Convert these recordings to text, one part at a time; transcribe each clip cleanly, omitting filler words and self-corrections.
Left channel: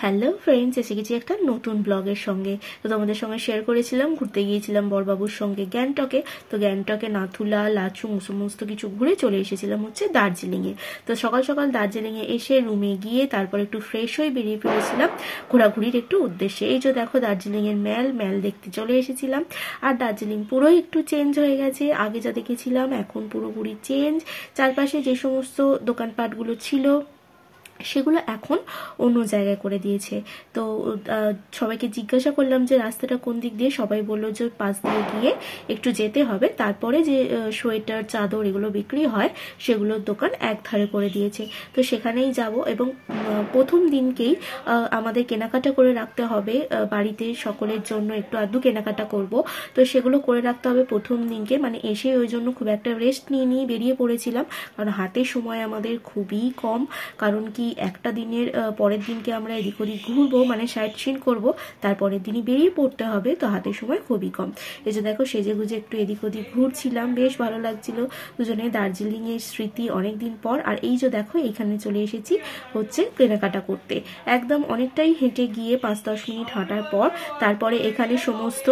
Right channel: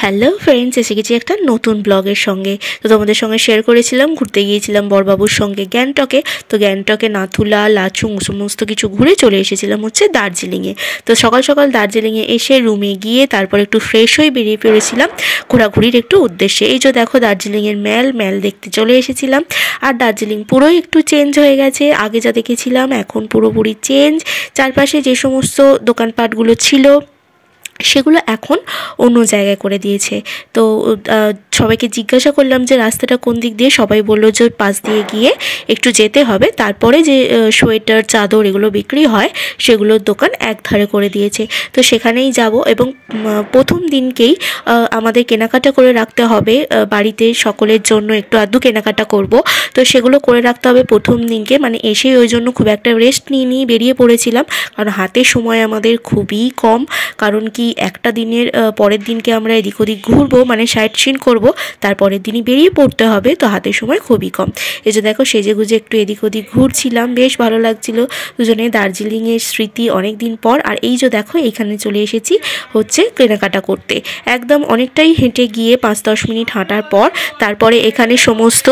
Hello friends, এসে গেছি একটা নতুন ব্লগের সঙ্গে। তো তোমাদের সঙ্গে শেয়ার করেছিলাম ঘুরতে গিয়েছিলাম বড়বাবুর সঙ্গে গ্যাংটকে। তো গ্যাংটকে নাথুলা, লাচুং সমস্ত কিছু ঘুরে চলে এসেছিলাম হচ্ছে দার্জিলিংয়ে। তো সকাল সকাল দার্জিলিংয়ে এসে রুমে গিয়ে তারপর একটু ফ্রেশ হয়ে বেরিয়ে পড়েছিলাম ঘোরাঘুরির একটু উদ্দেশ্যে। এই যে দেখো দার্জিলিংয়ের ম্যাল দেখতে চলে এসেছিলাম। আর দার্জিলিং পুরোই একটু চেঞ্জ হয়ে গেছে, আগে যা দেখেছিলাম এখন পুরোপুরি চেঞ্জ। চারপাশে যে সমস্ত দোকানপাটগুলো ছিল সেগুলো এখন অন্য জায়গায় করে দিয়েছে। তো সবাইকে জিজ্ঞাসা করলাম যে রাস্তাটা কোন দিক দিয়ে, সবাই বলল যে পাশ দিয়ে গিয়ে একটু যেতে হবে। তারপরে যে সোয়েটার, চাদর এগুলো বিক্রি হয় সেগুলোর দোকান একধারে করে দিয়েছে। তো সেখানেই যাব এবং প্রথম দিনকেই আমাদের কেনাকাটা করে রাখতে হবে। বাড়িতে সকলের জন্য একটু আধটু কেনাকাটা করব, তো সেগুলো করে রাখতে হবে প্রথম দিনকে। মানে এসেই ওই জন্য খুব একটা রেস্ট নিয়ে বেরিয়ে পড়েছিলাম, কারণ হাতে সময় আমাদের খুবই কম। কারণ কি একটা দিনের পরের দিনকে আমরা এদিক ওদিক ঘুরবো, মানে সাইট সিন করবো, তারপরের দিনই বেরিয়ে পড়তে হবে, তো হাতে সময় খুবই কম। এই যে দেখো সেজে গুজে একটু এদিক ওদিক ঘুরছিলাম, বেশ ভালো লাগছিল। দুজনে দার্জিলিংয়ের স্মৃতি অনেক দিন পর। আর এই যে দেখো এইখানে চলে এসেছি হচ্ছে কেনাকাটা করতে। একদম অনেকটাই হেঁটে গিয়ে 5-10 মিনিট হাঁটার পর তারপরে এখানে সমস্ত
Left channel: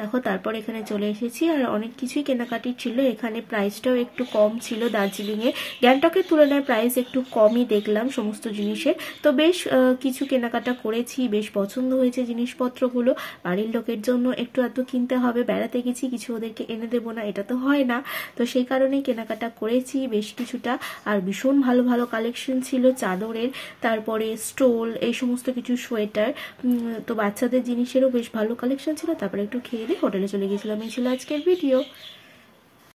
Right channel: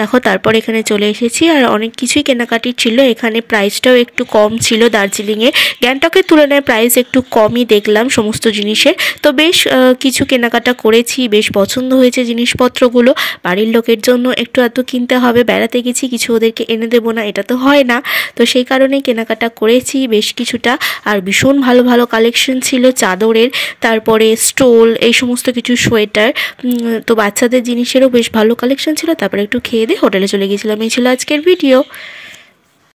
দেখো তারপর এখানে চলে এসেছি। আর অনেক কিছুই কেনাকাটি ছিল এখানে, প্রাইসটাও একটু কম ছিল দার্জিলিংয়ে। গ্যাংটকের তুলনায় প্রাইস একটু কমই দেখলাম সমস্ত জিনিসের। তো বেশ কিছু কেনাকাটা করেছি, বেশ পছন্দ হয়েছে জিনিসপত্রগুলো। বাড়ির লোকের জন্য একটু এত কিনতে হবে, বেড়াতে গেছি কিছু ওদেরকে এনে দেবো না, এটা তো হয় না। তো সেই কারণেই কেনাকাটা করেছি বেশ কিছুটা। আর ভীষণ ভালো ভালো কালেকশন ছিল চাদরের, তারপরে স্টোল, এই সমস্ত কিছু সোয়েটার, তো বাচ্চাদের জিনিসেরও বেশ ভালো কালেকশন ছিল। তারপরে একটু খেয়ে দিয়ে হোটেলে চলে গেছিলাম। এই ছিল আজকের ভিডিও।